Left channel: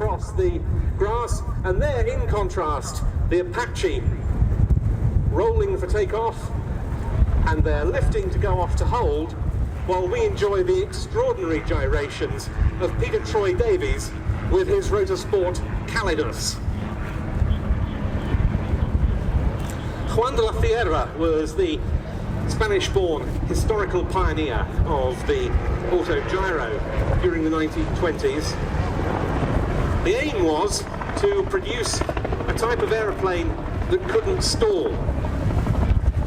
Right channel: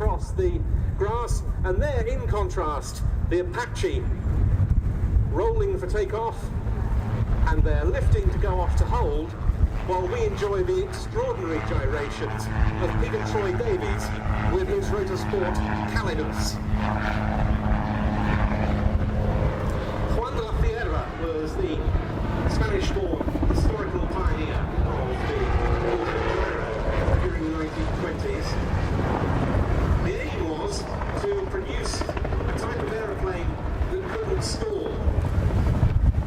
across the grass, and there, in contrast, the Apache rolling for takeoff, and they're lifting to go off to hold, while we enjoy the extraordinary gyrations of Peter Troy Davies with his Rotorsport Calidus. Juan de la Fierra was the Spanish-born historical pioneer of the autogyro during the 1920s. The aim was to produce a type of aeroplane that couldn't stall.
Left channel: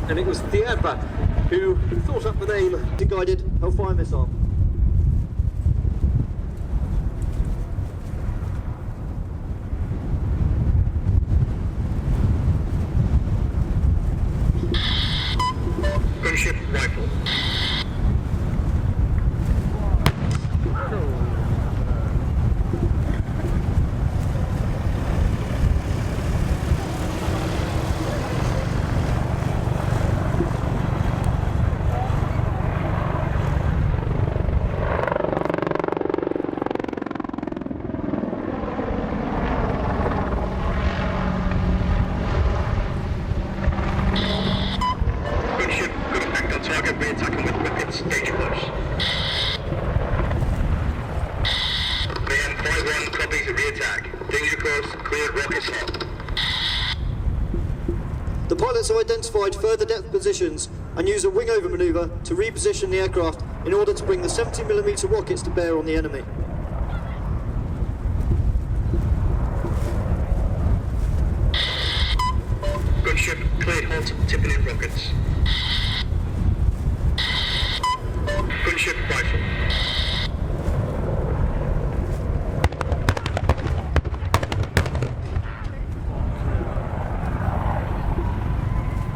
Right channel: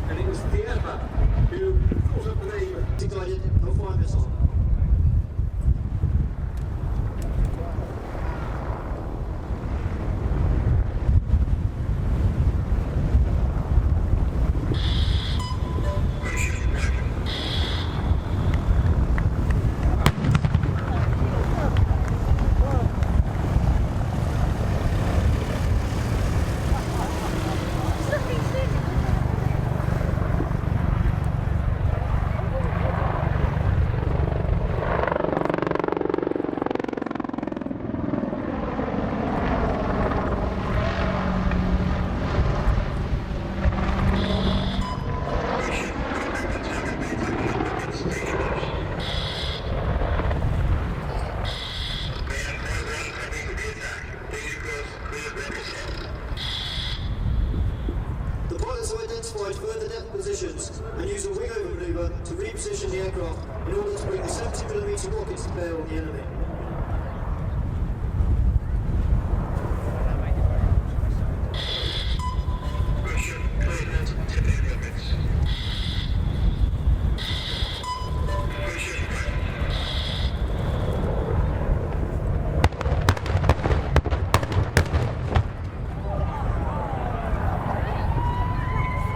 And it was Fierra who thought up the name guided Hellfire missile. Gunship rifle. The pilots have identified further depth positions and use a wing-over manoeuvre to reposition the aircraft in order to bring the 70mm rockets to bear on the enemy. Gunship cleared hot, tipping in rockets. Gunship rifle.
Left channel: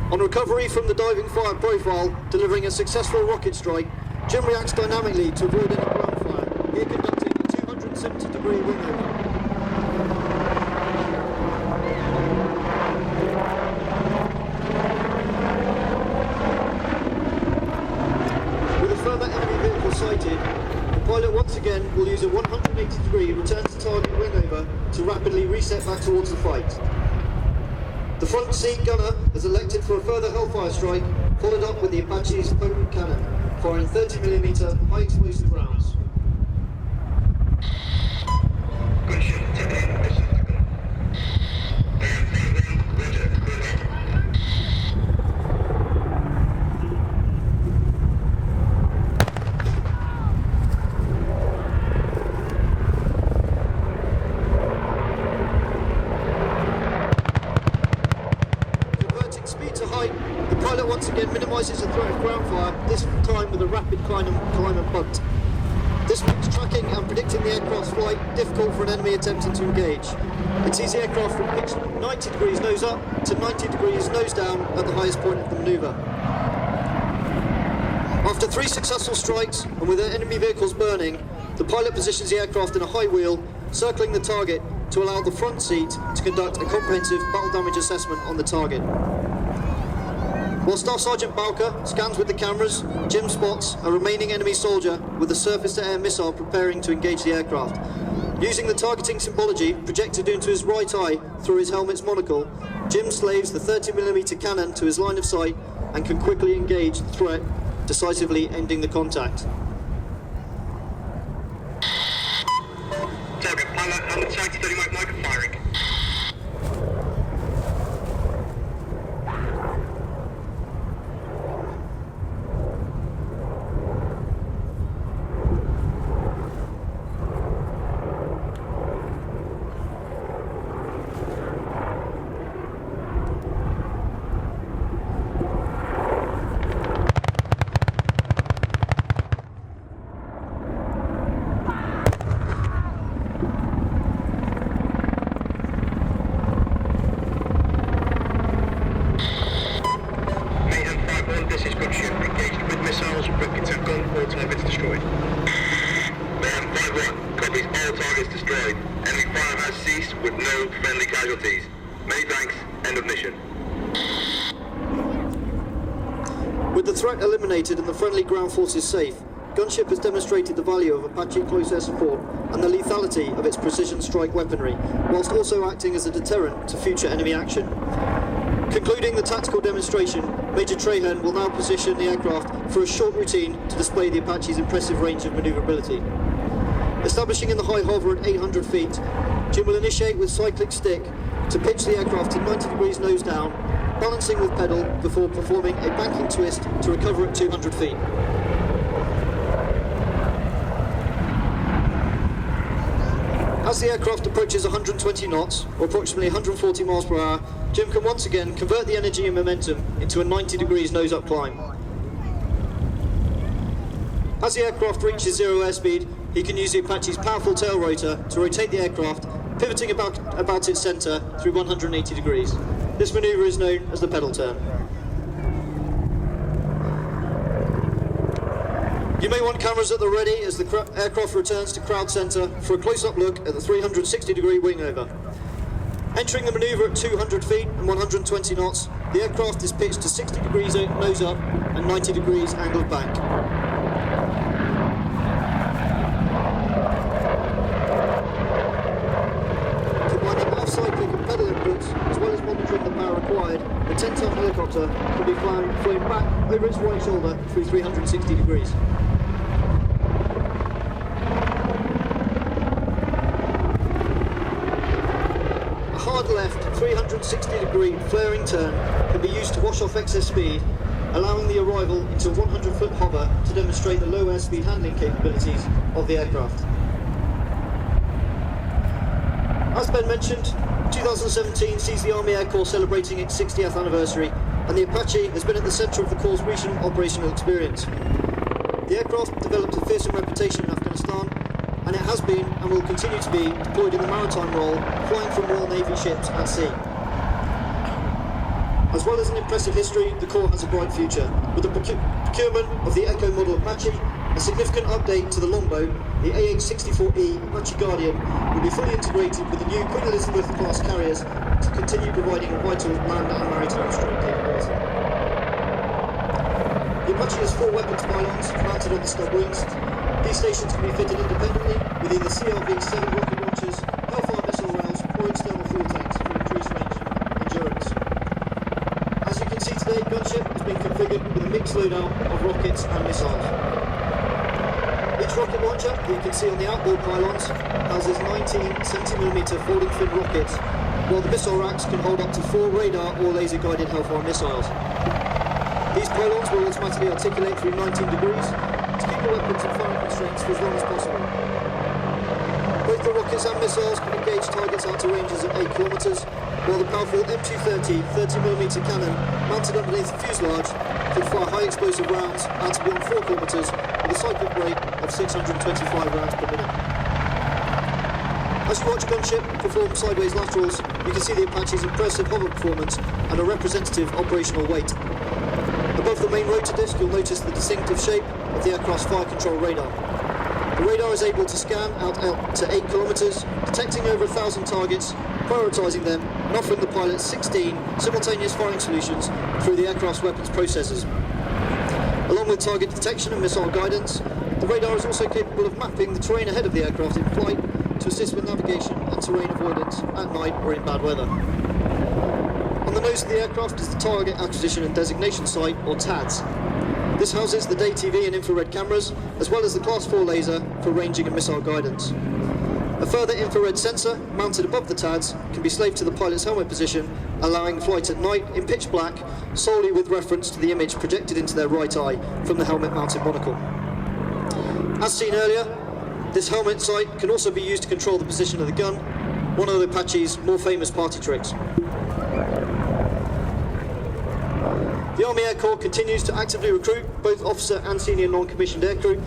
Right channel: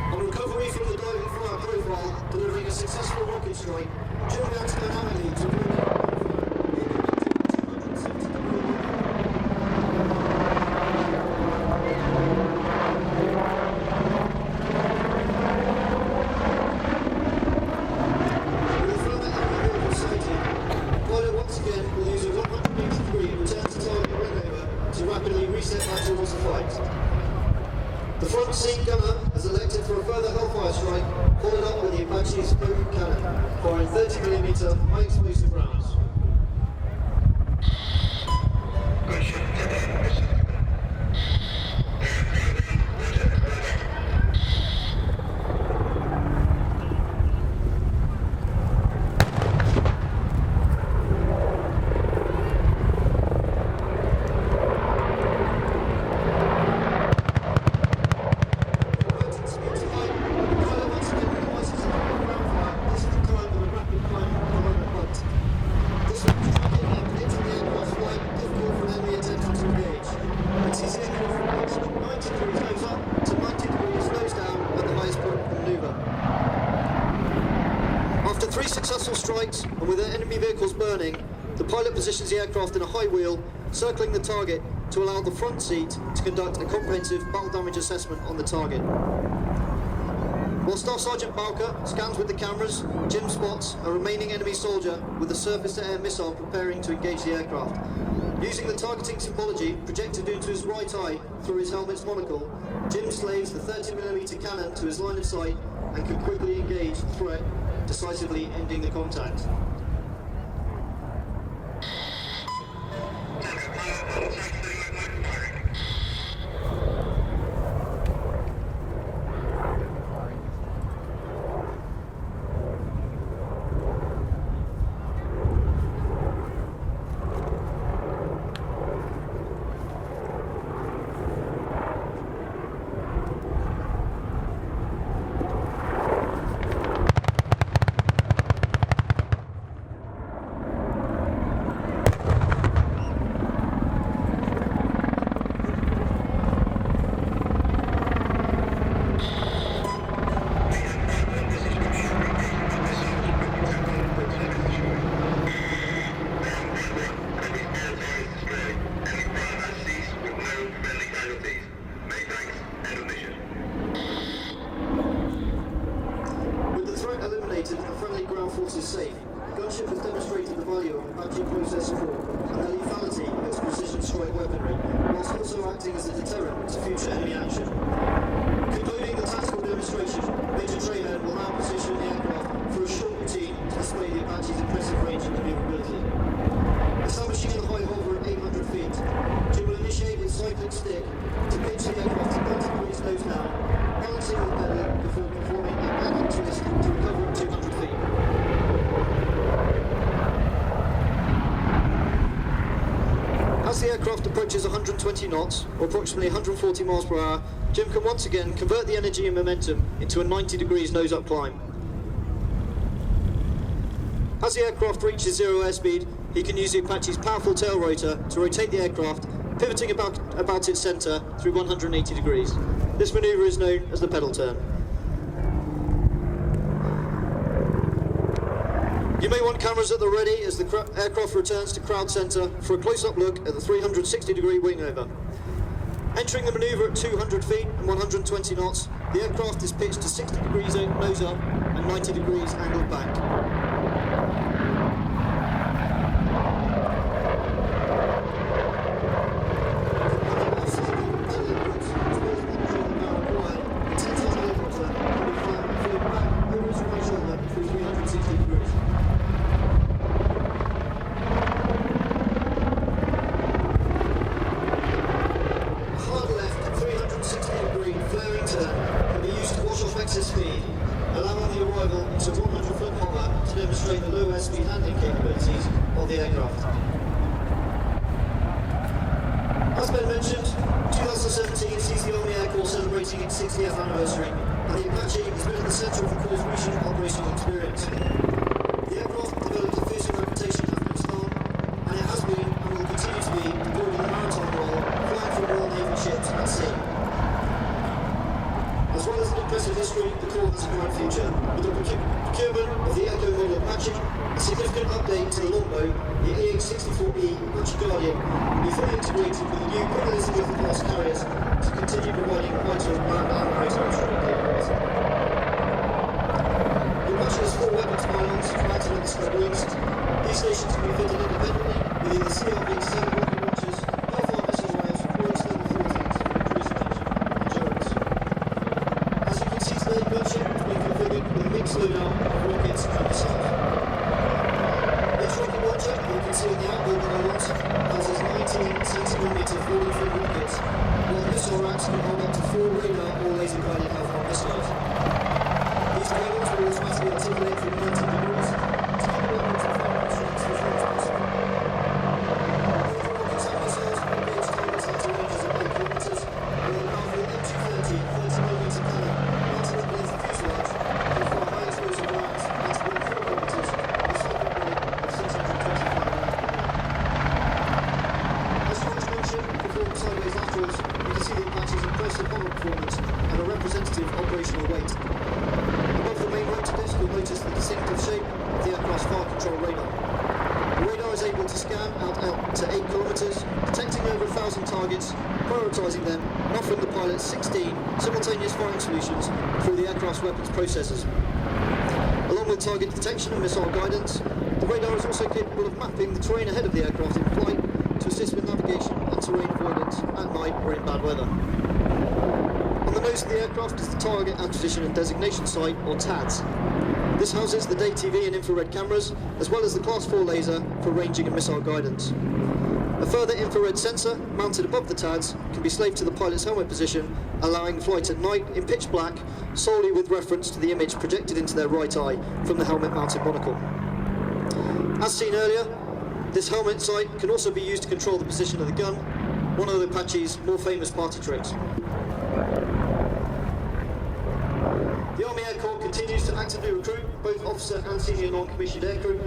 On recovery from the diving fire profile, delivering a successful rocket strike, Jim reacts dynamically to avoid any ground fire. He conducted a 270-degree wing. With a further enemy vehicle sighted, the pilot once again will use a 180-degree return to target wing over to rapidly reset back towards the fight. The front seat gunner has elected for a further Hellfire strike, followed up with the Apache's potent cannon, firing 30mm high explosive rounds. Gunship tipping in missile. Rapid climb and bunt. This makes tracking and predicting the aircraft's flight difficult for an enemy attempting to engage. It sees the aircraft from pitch 90 degrees nose up to 90 degrees nose down at the highest point of the manoeuvre. After 3 successful strikes and with their enemy vehicles burning, the pilot positions the aircraft in a high wheel, circling the target to allow the front seat to conduct a comprehensive battle damage assessment on the target. While Staff Sergeant Bowker scans with the cameras, Jim spots a remaining enemy soldier with a surface-to-air missile preparing to engage the aircraft. Using the targeting symbology projected into his right eye through his helmet's monocle, Jim slaves the 30mm cannon to his line of sight and can quickly engage the threat, decisively ending the contact. Target pilot on the tank 30 mic firing. With the threat eliminated and the friendly ground forces safe, gunship has demonstrated the value of Apache close air support and the lethality of its precision strike weaponry, whilst also acting as a deterrent to future enemy action. Concluding the tactical demonstration, Major Trahan will now position the aircraft for a short routine to display the Apache's impressive range and manoeuvrability. Establishing in the high hover at 800 feet, Jim will initiate with cyclic stick to pitch the aircraft to 90 degrees nose down, balancing with pedal before performing a banking twist to recover at 200 feet. As the aircraft approaches 120 knots, or approximately 140 miles per hour, Jim can once again convert the energy and momentum into a 90 degrees nose-up climb. As the aircraft reaches zero airspeed, he can use the Apache's powerful tail rotor to rotate the aircraft, pivoting about its centre through 180 degrees. This manoeuvre is known as the pedal turn. You may want cameras at the ready as the aircraft returns to crowd centre for a close-up look at the 360-degree wing over. Entering the manoeuvre at 200 feet and 120 knots, the aircraft is pitched to 60 degrees nose up and 90 degrees angled back. Combining off-cycling and pedal inputs, as well as monitoring the power required, the 10-ton helicopter can be flown back over its right shoulder through 360 degrees. Flaring turn can be used to wash off excess speed, allowing the arrival into a 100-foot hover to demonstrate the low airspeed handling capabilities of the aircraft. As Ben mentioned, 2017 sees the Army Air Corps celebrating its 60th anniversary, and the Apache has been at the centre of the Corps' recent operational experience. The aircraft developed a fearsome reputation in Afghanistan, and it has been and will continue to be deployed in a maritime role, flying from Royal Navy ships at sea. As well as an impressive history, the Corps has a bright future. With the procurement of the Echo model Apache, a significant update to the longbow, the AH-64E Apache Guardian will be fully integrated with the new Queen Elizabeth-class carriers to continue providing vital land and maritime strike capabilities. The Apache has 4 weapons pylons mounted on the scud wings. These stations can be fitted independently within the CRB-7 rocket launchers, Hellfire missile rounds, or external fuel tanks for increased range and endurance. The gunship has been configured with a mixed loadout of rockets and missiles. Each rocket launcher, you can see on the outboard pylons, houses 19cm falling fin rockets, while the missile racks can hold up to 4 radar or laser guided Hellfire missiles. These pylons will automatically articulate through 19 degrees to keep the weapons and firing strengths for as long as possible. Both the rockets and missiles can engage targets out to ranges of 8 kilometres, while the powerful M230 30mm cannon mounted underneath the fuselage can fire high explosive rounds out to beyond 4 kilometres with a cyclic rate of 625 rounds per minute. As you watch gunship perform sideways laterals, you can see the Apache's impressive hover performance and a representative operational weight. Above the main rotor disc, you'll notice the distinctive shape of the aircraft's fire control radar. The radar is able to scan out to 8 kilometres, detecting over 1,000 targets, prioritising them, and offering the pilot 16 simultaneous firing solutions through the aircraft's weapons processors. Along with target detection and missile guidance, the radar is also capable of mapping the terrain ahead of the aircraft in flight to assist with navigation and terrain avoidance at night or in bad weather. On the nose of the aircraft is the Target Acquisition and Designation Site, or TADS. This houses the day TV and infrared cameras, as well as the Class 4 laser for ranging and missile guidance. A further infrared sensor, mounted above the TADS, can be slaved to the pilot's helmet position, allowing flight at night in pitch black, solely with reference to the image projected into their right eye from the helmet-mounted monocle. As seen earlier, this helmet sight can also be used to control the position of the gun, one of the Apache's more famous party tricks. The Army Air Corps continues to actively recruit both officer and senior non-commissioned aircrew,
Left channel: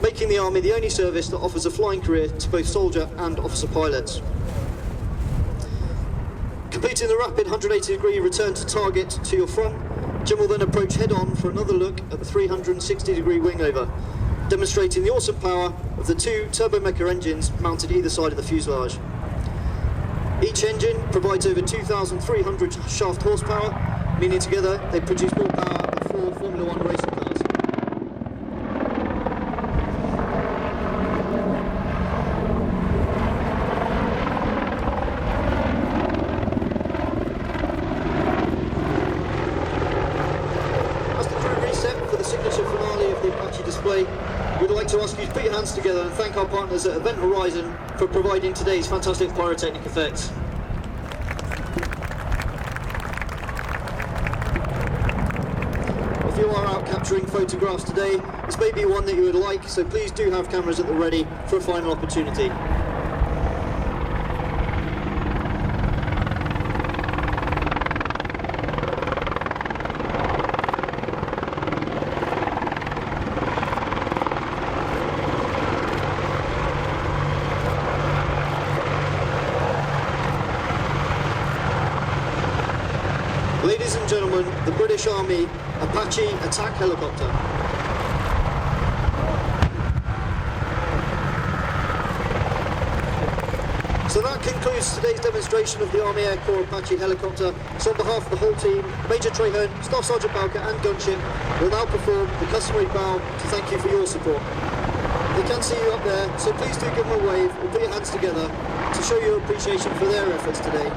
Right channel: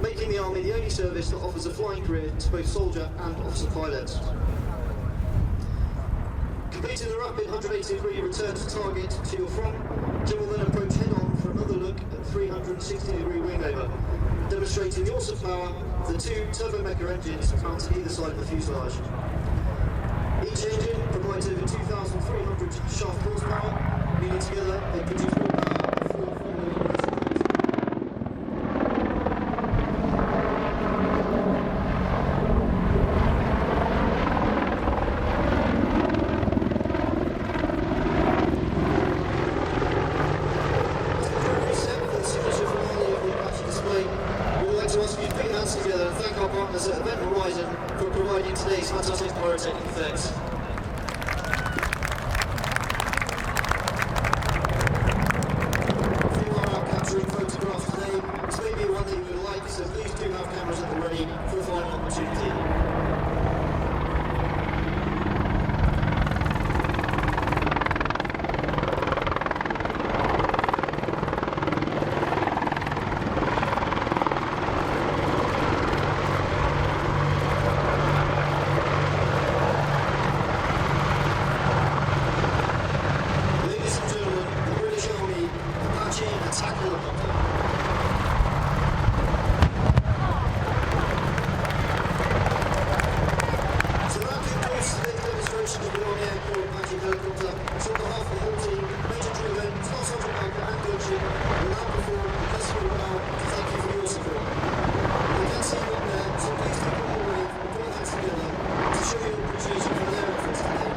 making the Army the only service that offers a flying career to both soldier and officer pilots. Completing the rapid 180-degree return to target to your front, Jim will then approach head-on for another look at the 360-degree wing over, demonstrating the awesome power of the 2 turbomecha engines mounted either side of the fuselage. Each engine provides over 2,300 shaft horsepower, meaning together they produce more power than 4 Formula 1 racing cars. cameras at Event Horizon for providing today's fantastic pyrotechnic effects. If you are out capturing photographs today, this may be one that you would like, so please do have cameras at the ready for a final opportunity. Ladies and gentlemen, the British Army Apache attack helicopter. So that concludes today's demonstration of the Army Air Corps Apache helicopter. So on behalf of the whole team, Major Traherne, Staff Sergeant Bowker and Gunship will now perform the customary bow to thank you for your support. We can see you up there, so please do give them a wave and put your hands together to show your appreciation for their efforts today.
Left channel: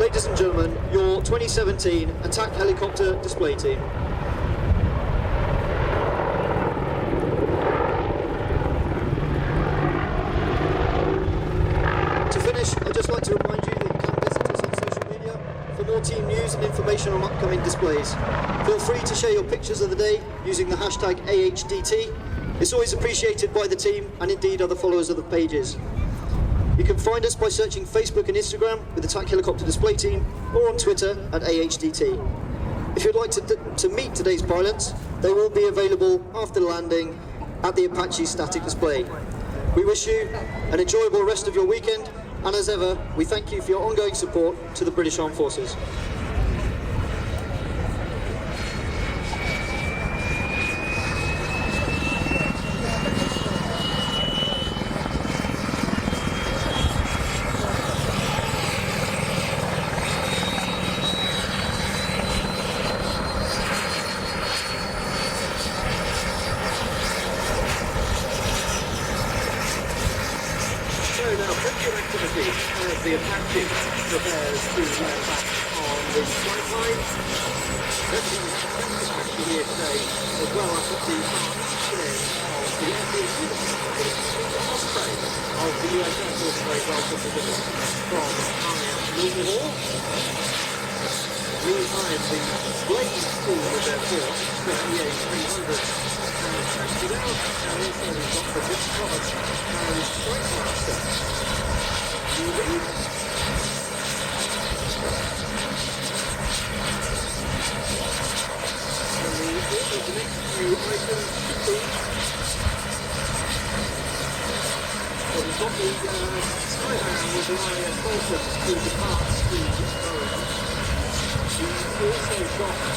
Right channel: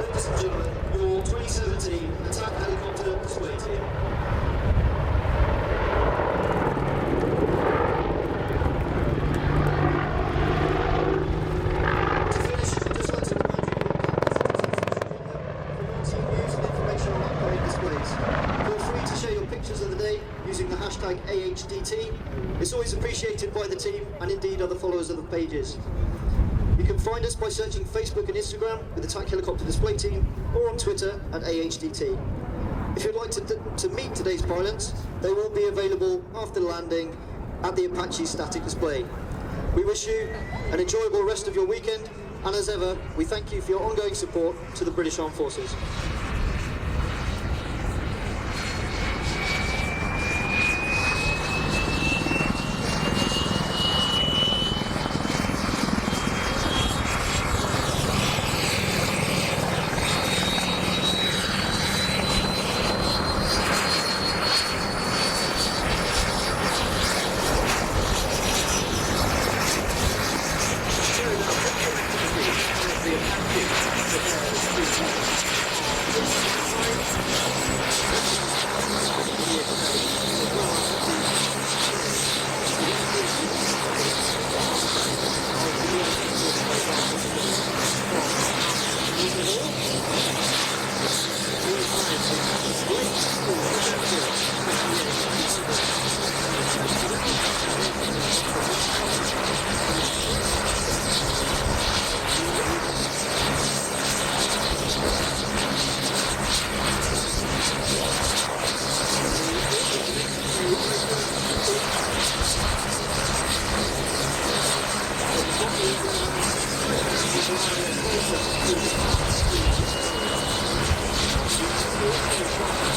Ladies and gentlemen, your 2017 Attack Helicopter Display Team. To finish, I'd just like to remind you that you can visit us on social media for more team news and information on upcoming displays. Feel free to share your pictures of the day using the hashtag AHDT. It's always appreciated by the team and indeed other followers of the pages. You can find us by searching Facebook and Instagram with Attack Helicopter Display Team or on Twitter at AHDT. If you'd like to meet today's pilots, they will be available after landing at the Apache static display. We wish you an enjoyable rest of your weekend, and as ever, we thank you for your ongoing support to the British Armed Forces. So now, critical activity as the Apache prepares to land on the flight line. Here today, as well as the shares of the ending of the US Air Force Base from Army Hall. Meantime, the great school of their force, 28,300 tested out, and also the